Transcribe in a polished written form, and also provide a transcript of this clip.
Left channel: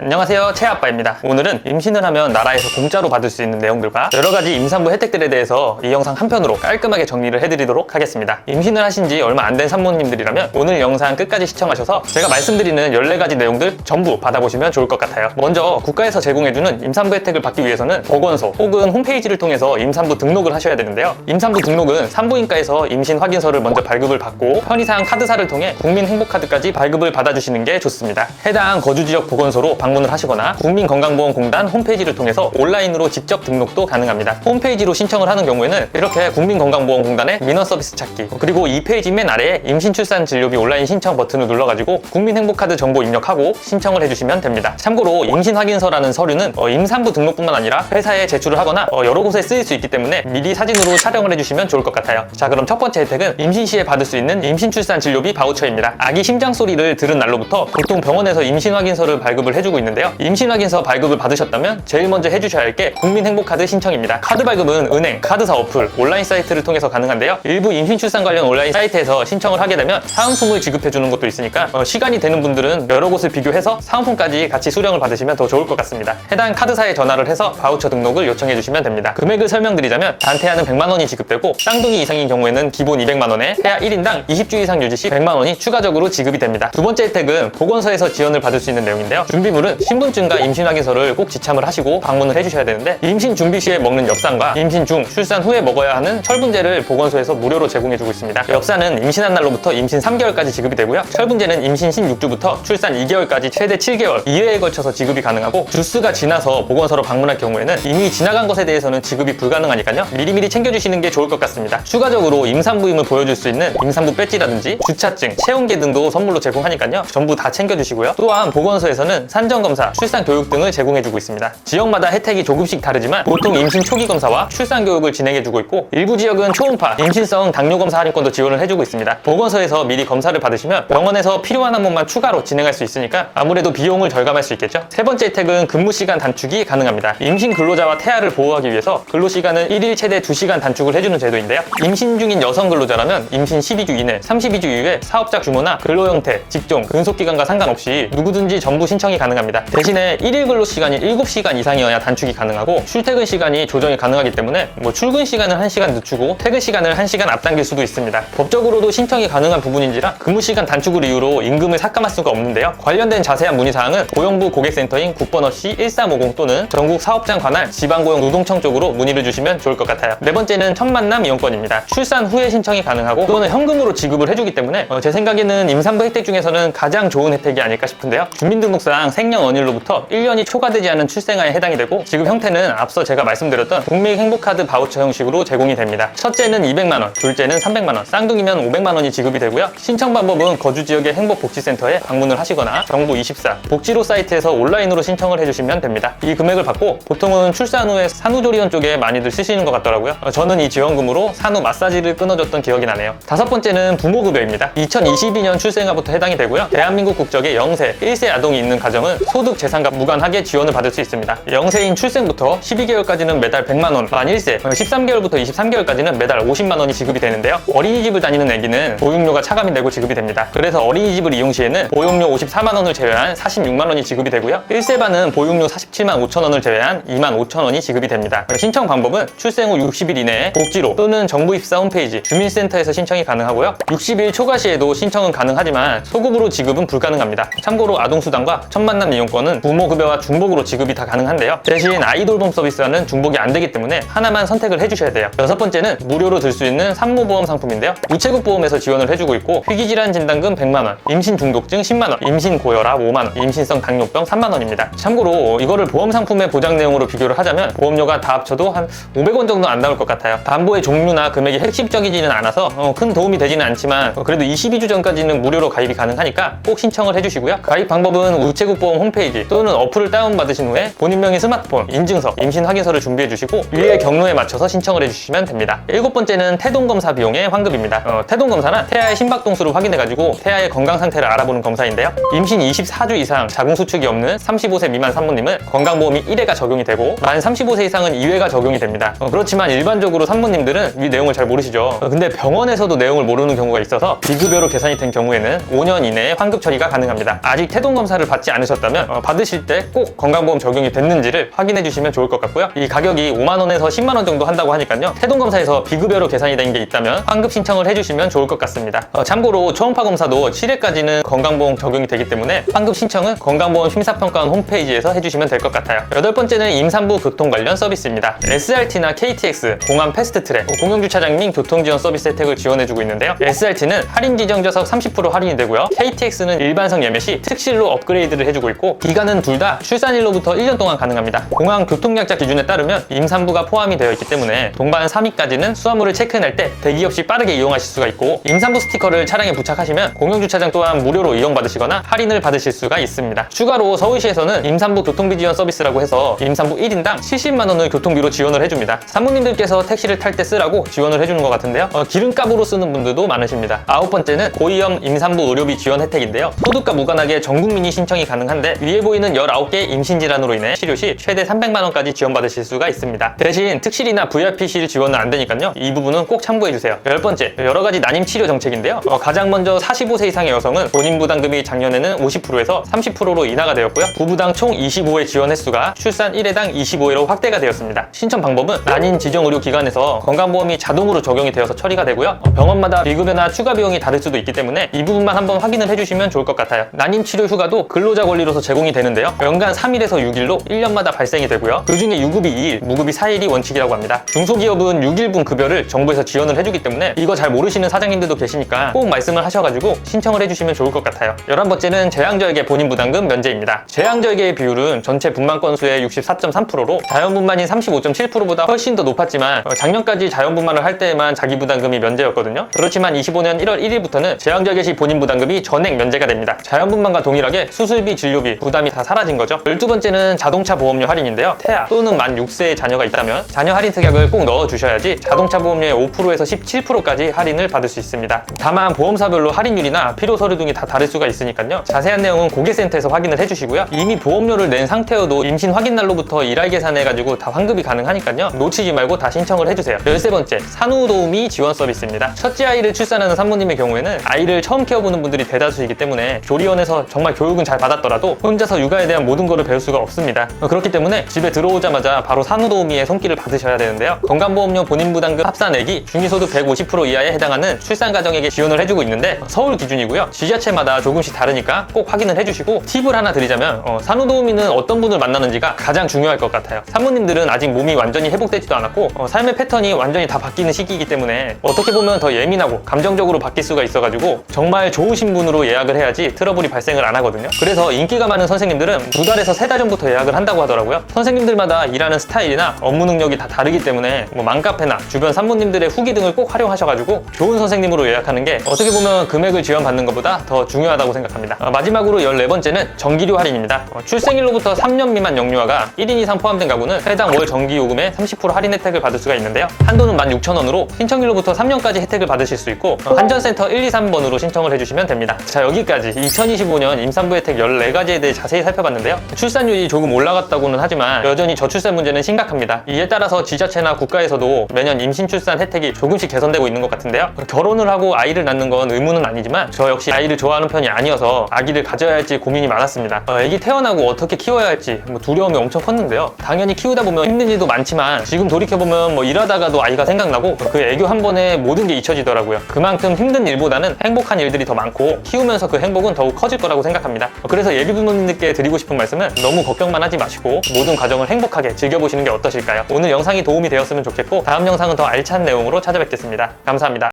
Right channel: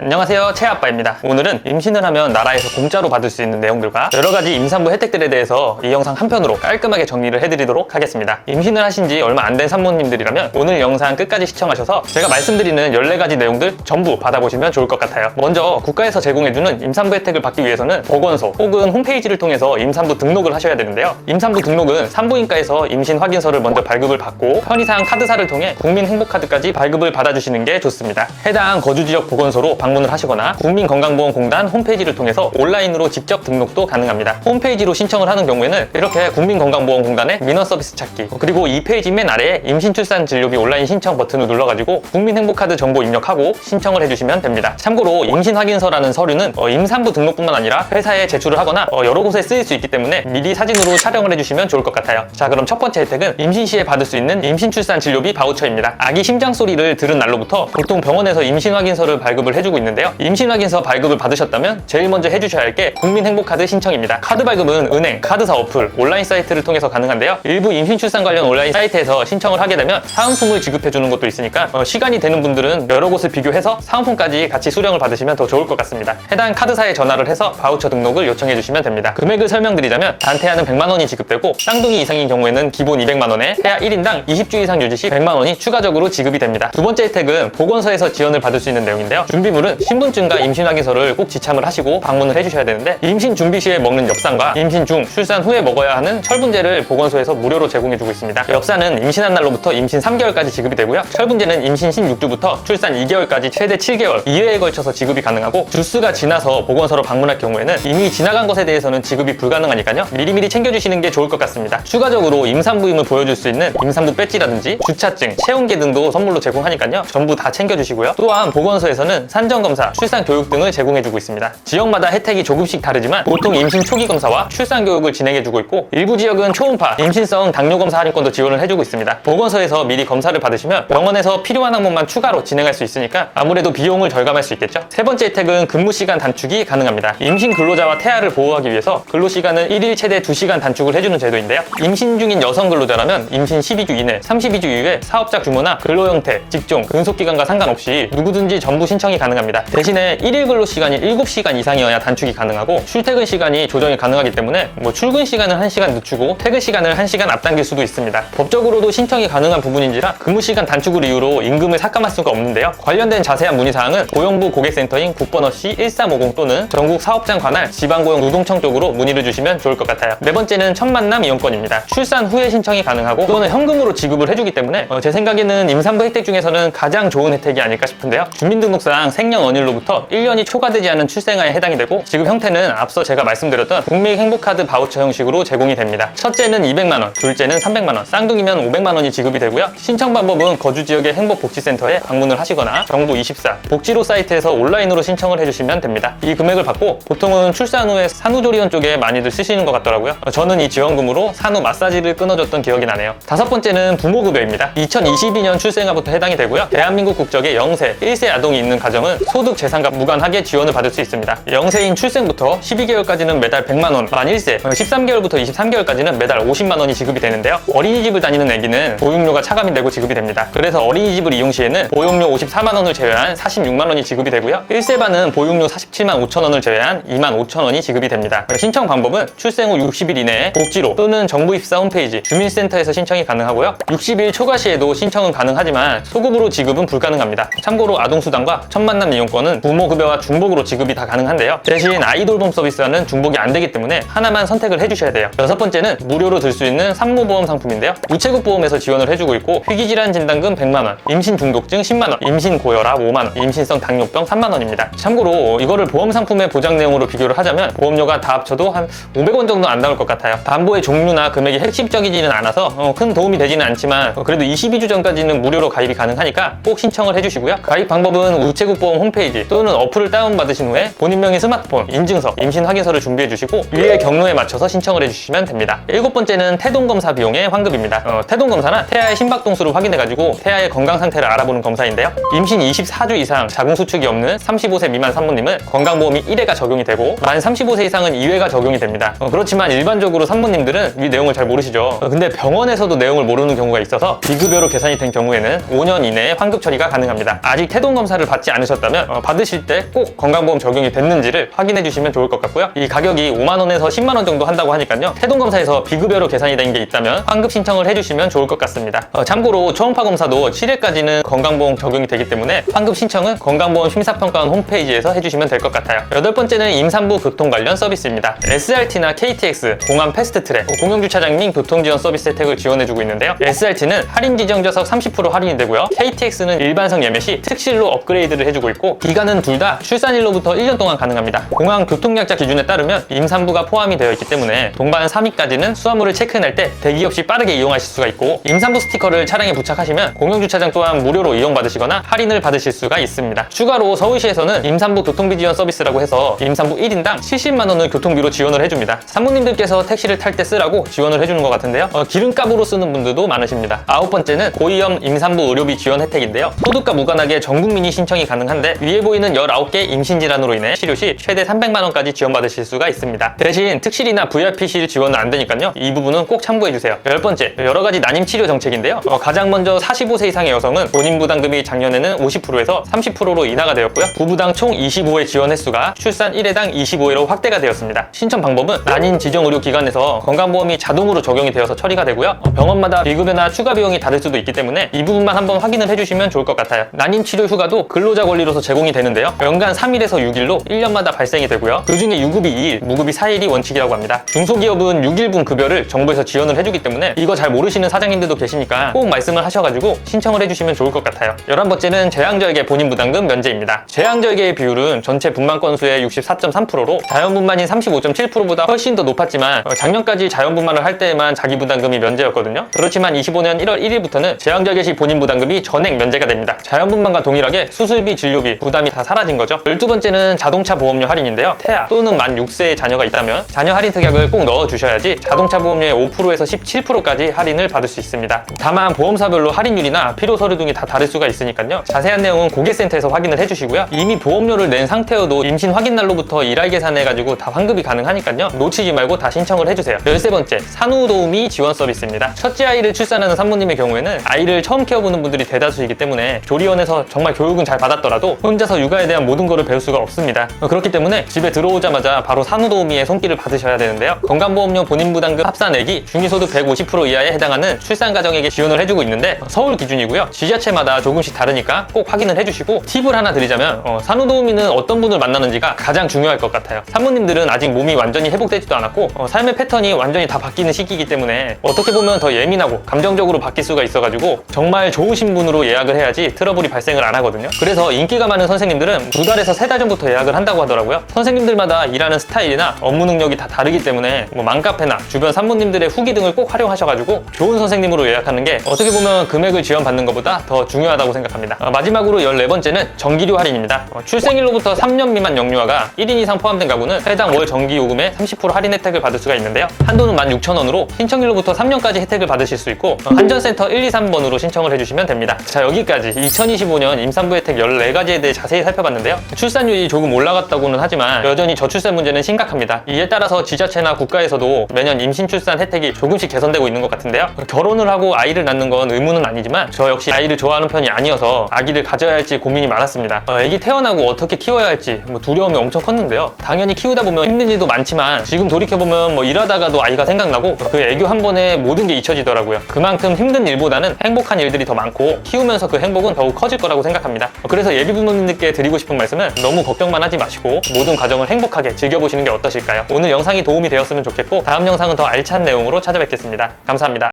안녕하세요, 채아빠입니다. 오늘은 임신을 하면 나라에서 공짜로 받을 수 있는 내용들과 여러가지 임산부 혜택들에 대해서 이 영상 한 편으로 깔끔하게 정리를 해드리도록 하겠습니다. 임신을 하신 지 얼마 안 된 산모님들이라면 오늘 영상 끝까지 시청하셔서 제가 말씀드리는 14가지 내용들 전부 받아보시면 좋을 것 같아요. 먼저 국가에서 제공해주는 임산부 혜택을 받기 위해서는 보건소 혹은 홈페이지를 통해서 임산부 등록을 하셔야 되는데요. 임산부 등록은 산부인과에서 임신 확인서를 먼저 발급을 받고 편의상 카드사를 통해 국민행복카드까지 발급을 받아주시는 게 좋습니다. 해당 거주지역 보건소로 방문을 하시거나 국민건강보험공단 홈페이지를 통해서 온라인으로 직접 등록도 가능합니다. 홈페이지로 신청을 하는 경우에는 이렇게 국민건강보험공단의 민원서비스 찾기, 그리고 이 페이지 맨 아래에 임신출산진료비 온라인 신청 버튼을 눌러가지고 국민행복카드 정보 입력하고 신청을 해주시면 됩니다. 참고로 임신확인서라는 서류는 임산부 등록뿐만 아니라 회사에 제출을 하거나 여러 곳에 쓰일 수 있기 때문에 미리 사진으로 촬영을 해주시면 좋을 것 같아요. 자, 그럼 첫 번째 혜택은 임신 시에 받을 수 있는 임신출산진료비 바우처입니다. 아기 심장 소리를 들은 날로부터 보통 병원에서 임신확인서를 발급을 해주고 있는데요. 임신확인서 발급을 받으셨다면 제일 먼저 해주셔야 할 게 국민행복카드 신청입니다. 카드 발급은 은행, 카드사 어플, 온라인 사이트를 통해서 가능한데요. 일부 임신출산 관련 온라인 사이트에서 신청을 하게 되면 사은품을 지급해주는 것도 있으니까 시간이 되는 분들은 여러 곳을 비교해서 사은품까지 같이 수령을 받으시면 더 좋을 것 같습니다. 해당 카드사에 전화를 해서 바우처 등록을 요청해주시면 됩니다. 금액을 설명드리자면 단태아는 100만 원이 지급되고 쌍둥이 이상인 경우에는 기본 200만 원에 태아 1인당 20주 이상 유지 시 100만 원이 추가적으로 지급이 됩니다. 두 번째 혜택은 보건소에서 지원을 받을 수 있는 내용인데요. 준비물은 신분증과 임신확인서를 꼭 지참을 하시고 방문을 해주셔야 되는데 임신 준비 시에 먹는 엽산과 임신 중, 출산 후에 먹어야 하는 철분제를 보건소에서 무료로 제공해주고 있습니다. 엽산은 임신한 날로부터 임신 3개월까지 지급이 되고요. 철분제는 임신 16주부터 출산 2개월까지 최대 7개월 2회에 걸쳐서 지급이 가능하고 주수가 지나서 보건소로 방문할 경우에는 이미 지나간 것에 대해서는 지급이 불가능하니까요. 미리미리 챙겨주시는 게 좋을 것 같습니다. 추가적으로 임산부임을 보여줄 수 있는 임산부 배지라든지 주차증, 체온계 등도 선물로 제공하니까요. 전부 다 챙겨주시고요. 또한 보건소에서는 산정검사, 출산교육 등을 제공해주고 있습니다. 지역마다 혜택이 조금씩 다르지만 보통 임신 초기 검사와 출산교육을 진행해주고 있고 일부 지역은 초음파, 임신성 당뇨검사 할인권도 지원을 해주고 있습니다. 보건소에서 미리 검사를 받으시면 병원에서 필요한 항목만 추가로 진행할 수 있으니까 아무래도 비용을 절감할 수 있겠죠. 세 번째 혜택은 근무시간 단축이 가능합니다. 임신 근로자와 태아를 보호하기 위해서 근로시간을 1일 최대 2시간 단축을 해주는 제도인데요. 임신 중인 여성 근로자라면 임신 12주 이내, 32주 이후에 사업자 규모나 근로 형태, 직종, 근속기간과 상관없이 누구든지 전부 신청이 가능합니다. 대신에 1일 근로 시간이 7시간 이상이어야 단축이 가능하고 출퇴근 시간이 조정이 가능하기 때문에 출근 시간은 1시간 늦추고 퇴근 시간을 1시간 앞당길 수도 있습니다. 법적으로도 신청이 가능한 부분인지라 근무 시간 단축을 이유로 임금을 삭감할 수가 없는데요. 관련된 자세한 문의사항은 고용부 고객센터인 국번호 C1350 또는 전국 사업장 관할 지방고용노동청 쪽으로 문의를 주시면 좋을 것 같아요. 네 번째는 첫 만남 이용권입니다. 출산 후에 신청이 가능하고 또는 현금으로 지급을 해주기 때문에 제 생각에는 임산부 혜택 중에서는 가장 좋은 혜택이 아닐까 싶은데요. 주민등록상 생년월일로부터 1년이 초과되지 않은 출생아에 해당이 되고 지급 형태는 앞서 제가 말씀드렸던 국민행복카드 바우처 형식으로 제공이 됩니다. 첫째는 200만 원, 둘째는 300만 원, 쌍둥이면 500만 원이 지급이 되고요. 신청 방법은 거주 지역의 행복복지센터에 방문을 하시거나 정부24 복지로 사이트에서 온라인으로 신청을 해주시면 됩니다. 이 금액을 받고 보통은 출산 후에 산후조리원 쪽에 많이들 쓰시는 것 같더라고요. 저는 이 지원금으로 산후 마사지를 끊어줬던 기억이 나네요. 다섯 번째는 부모급여입니다. 2022년 출생아부터 해당이 되고요. 대한민국 국적의 0세, 1세 아동이 있는 가정은 소득 재산과 무관하게 지원을 받을 수 있습니다. 0세인 출생부터 12개월까지는 매달 100만 원, 만 1세, 13개월부터 23개월까지는 매달 50만 원이 지급이 되는데요. 어린이집을 다니는 애기는 보육료가 차감이 되고 지급이 됩니다. 그래서 어린이집을 이용 시에는 보육료 54만 원을 제외한 46만 원이 지급이 되고요. 1세반은 보육료 47만 5천 원을 제외한 2만 5천 원이 지급이 됩니다. 신청 방법은 출생 후 60일 이내에 복지로 또는 정부24 홈페이지 주민센터에서 신청이 가능하고요. 60일 초과 시에도 신청은 가능하지만 소급으로 지급은 불가능합니다. 참고로 아동수당과 첫 만남 이용권은 부모급여와 중복으로 지급이 다 가능한데요. 대신 아이돌봄 서비스와는 중복이 안 되기 때문에 하나만 선택을 해주셔야 돼요. 여섯 번째는 무료로 들 수 있는 산모보험 상품인데요. 우체국보험에서 지원을 해주고 있고 희귀질환 진단금 100만 원, 임신 중독증 10만 원, 임신 고혈압 5만 원, 임신성 당뇨병 3만 원입니다. 참고로 이거를 보험 상품의 보장 내용으로 비교를 하자면 보험료가 다 합쳐도 한 500원 정도 안 나올 것 같아요. 담보의 종류나 금액이 핵심적이지는 않아서 큰 도움이 되지는 않지만 그래도 22주 전까지는 무료로 가입이 가능하니까 꼭 신청을 해주시고요. 가입 방법은 우체국보험 홈페이지 또는 어플을 다운받으신 후에 본인명의 스마트폰, 인증서, 임신 확인서를 준비해주시고 위의 경로에 맞춰서 신청을 해주시면 됩니다. 일곱 번째는 태동검사 비용의 환급입니다. 태동검사는 태아의 심박동수를 확인해가지고 태아의 건강 상태를 알아보는 검사인데요. 임신 24주 이상 자궁수축이 없는 35세 미만 산모님은 건강보험이 1회가 적용이 되고 만 35세 이상은 2회가 적용이 됩니다. 그렇지만 일반적으로 산모님들은 이 내용을 잘 모르시죠. 근데 병원에서도 내용을 모르는 경우가 있어서 비급여로 계산이 된 경우에는 5년 이내에 환급 처리가 가능합니다. 아직 태동검사를 받지 않으셨다면 받으신다면 받으실 때 꼭 건강보험 적용이 됐는지를 확인해 주시면 좋을 것 같고요. 이 가격이 5만 원에서 10만 원 정도 한다고 하니까요. 태동검사에서 비급여로 계산이 된 게 있다면 환급 신청을 해주시면 좋을 것 같습니다. 참고로 초음파 검사도 7회까지는 건강보험 적용이 되기 때문에 환급 신청은 건강보험 심사평가원 홈페이지에서 해주시면 될 것 같아요. 여덟 번째는 임산부 교통 관련 서비스입니다. SRT나 KTX, 공항 패스트트랙, 공영주차장 및 교통지원 서비스 혜택을 지원해주고 있는데요. SRT는 할인 지정좌석 30% 할인이 되고요. KTX는 일반석 예매 시 특실로 업그레이드를 해주고 있고, 기간은 둘 다 출산일로부터 1년 동안 가능합니다. 공항 교통약자 기준에 따르면 임산부가 포함이 되어 있기 때문에 동반 3위까지는 수화물을 체크인할 때 대기 없이 빠르게 이용하실 수가 있고, 임산부 스티커를 차량에 부착하시면 공영주차장 또한 무료로 이용받으시거나 할인을 받으실 수가 있습니다. 추가로 서울시에서는 임산부 교통비 지원 서비스라고 해서 임산부 1인당 70만 원을 교통비로 지원을 해줍니다. 산모님들께서 택시를 탈 때 쓰라고 지원을 해주는 것 같은데요. 기름값으로 쓰는 분들도 많으십니다. 아홉 번째는 고위험 임산부 의료비 지원 혜택인데요. 소득과 무관하게 전 국민이 신청이 가능한데, 위에 보이는 19개 임신질환으로 인해 치료 시 최대 300만 원까지 지원받으실 수가 있습니다. 대신 특실이나 VIP실 지원은 안 되니까요. 이 부분은 꼭 참고해주세요. 열 번째, 여러 가지 난임 치료 정책인데요. 가장 먼저 45세 이상의 여성은 본인 부담금이 작년에는 50%에서 30%로 인하가 되었고요. 부부당 총 25회 지원 횟수가 출산 1회당 25회로 확대가 되었습니다. 신청 방법은 난임 지정의료기관에서 건강보험이 자동으로 적용이 되어서 처리가 되고요. 병원마다 비급여나 추가 비용이 다를 수도 있기 때문에 이 부분만 한번 확인을 해주시면 좋을 것 같아요. 난임 치료 휴가도 근로자 권리로서 제공이 되는데요. 연간 3일에서 6일로 1년마다 발생이 되고요. 그중에 유급이 2일, 무급이 4일이 원칙이라고 합니다. 중소기업은 6일분 급여를 정부에서 지원을 해주기 때문에 이거 잘 모르시는 사장님들도 계시니까 꼭 말씀을 하셔가지고 신청을 해주시면 좋을 것 같아요. 11번째는 재앙절개 본인 부담금 면제입니다. 재앙절개의 비율은 전체 분만 건수의 64.3%로 자연분만인 35.7%보다 훨씬 더 높았지만, 작년까지 자연분만을 할 때에만 자기 부담금이 면제였거든요. 그렇지만 25년 1월 1일부터는 재앙절개 시 본인 부담금이 전액 면제가 됩니다. 자연분만과 동일하게 수술비, 진료비 부담이 다 사라진 거죠. 12번째는 자동차 보험료 할인인데요. 태아 또는 만 6세의 자녀가 있다면 자녀 할인 특약을 꼭 넣어주셔야지 자동차 보험료의 5%에서 17%까지 할인을 받을 수 있습니다. 다만 보험사별로 할인율이나 필요 서류 등이 다 다를 수가 있으니까요. 자세한 내용은 고객센터에서 확인을 해주시고요. 이미 보험료를 낸 상태여도 임신 확인 날로부터 일할 계산해가지고 다 환급이 가능하니까요. 놓치지 말고 다 신청을 해주세요. 13번째, 산후도우미 지원 서비스입니다. 첫째 아이를 출산하는 산모님의 경우에는 아이를 처음 키워보는 분들이 대다수이기 때문에 조리원에서 정말 교육은 잘 받았더라도 혼자서 육아에 대한 모든 것을 배울 수가 없습니다. 그렇기 때문에 집에 들어오자마자 바로 산후도우미의 손길을 받으셔야 되는데요. 건강보험료 본인 부담금 합산액이 중위소득 150% 이하에 해당하는 출산 가정에게 지원을 해주고 있는데, 서울 기준이고요. 지자체마다 조금씩 다르니까 꼭 확인을 해주시고, 팁을 하나 드리자면 산후도우미는 어떤 분을 만나는지가 가장 중요할 것 같아요. 사모님들은 아직 몸이 완전히 회복되지도 않았고 삶의 패턴이 완전히 다 바뀌는 시기이기 때문에 어떻게 보면 더 예민하고 감정적으로 바뀔 수가 있어가지고 정말 좋으신 분으로 예약을 해야지 트러블이 발생을 안 하거든요. 그래서 인기가 많은 선생님들은 2달에서 3달 전부터 예약을 한다고 하더라고요. 선생님들마다 일하는 스타일이나 업무 능력이 다 다르기 때문에 맘카페나 주변 산모님들의 후기 등을 꼭 활용하셔가지고 좋은 선생님으로 예약하는 게 어떻게 보면 금액을 지원받는 것보다 더 중요하다고 생각합니다. 마지막으로 14번째는 전기료 할인입니다. 출생일로부터 3년 미만 영유아가 1인 이상 포함된 가구는 해당 월 전기요금에 30% 할인 혜택을 받을 수가 있는데요. 한도는 16,000원으로 신청일로부터 3년까지 혜택을 받으실 수 있고, 한전센터 1, 2, 3번으로 신청을 해주시면 됩니다. 자, 여기까지 2025년 임산부 혜택 14가지에 대해 자세히 살펴봤는데요. 출산율이 조금 올라갔다고는 하지만 여전히 저출산 문제는 심각합니다. 이에 따라서 지자체나 국가에서도 매년 임신 출산 혜택이 조금씩 개선되고 있는 것 같은데요. 결혼을 하고 아이를 낳는 건 의무는 아니지만 저 역시 아이를 좋아하는 편이 아니어서 아기를 가져야 할지 고민이 많았습니다. 아기 태어나고 어떻게 키워야 할지 두려움이 엄청 컸는데요. 당연히 키우다 보면 힘든 일도 많지만 지금 돌이켜보면 일하다가도 아이가 생각나고 그 애교 한 번에 모든 게 잊혀지더라고요. 그만큼 힘든 일보다는 행복한 일들이 더 많고 키우면서 그 행복은 더욱 커질 거라고 생각합니다. 그래서 예비 부모님들께 드리고 싶은 말씀은 너무 걱정만 하지 마시고 모든 과정을 행복하게 즐겨보시는 게 어떠실까요? 오늘 영상이 도움이 되었으면 좋겠고, 다음 영상은 더 알찬 내용으로 찾아뵙겠습니다. 감사합니다.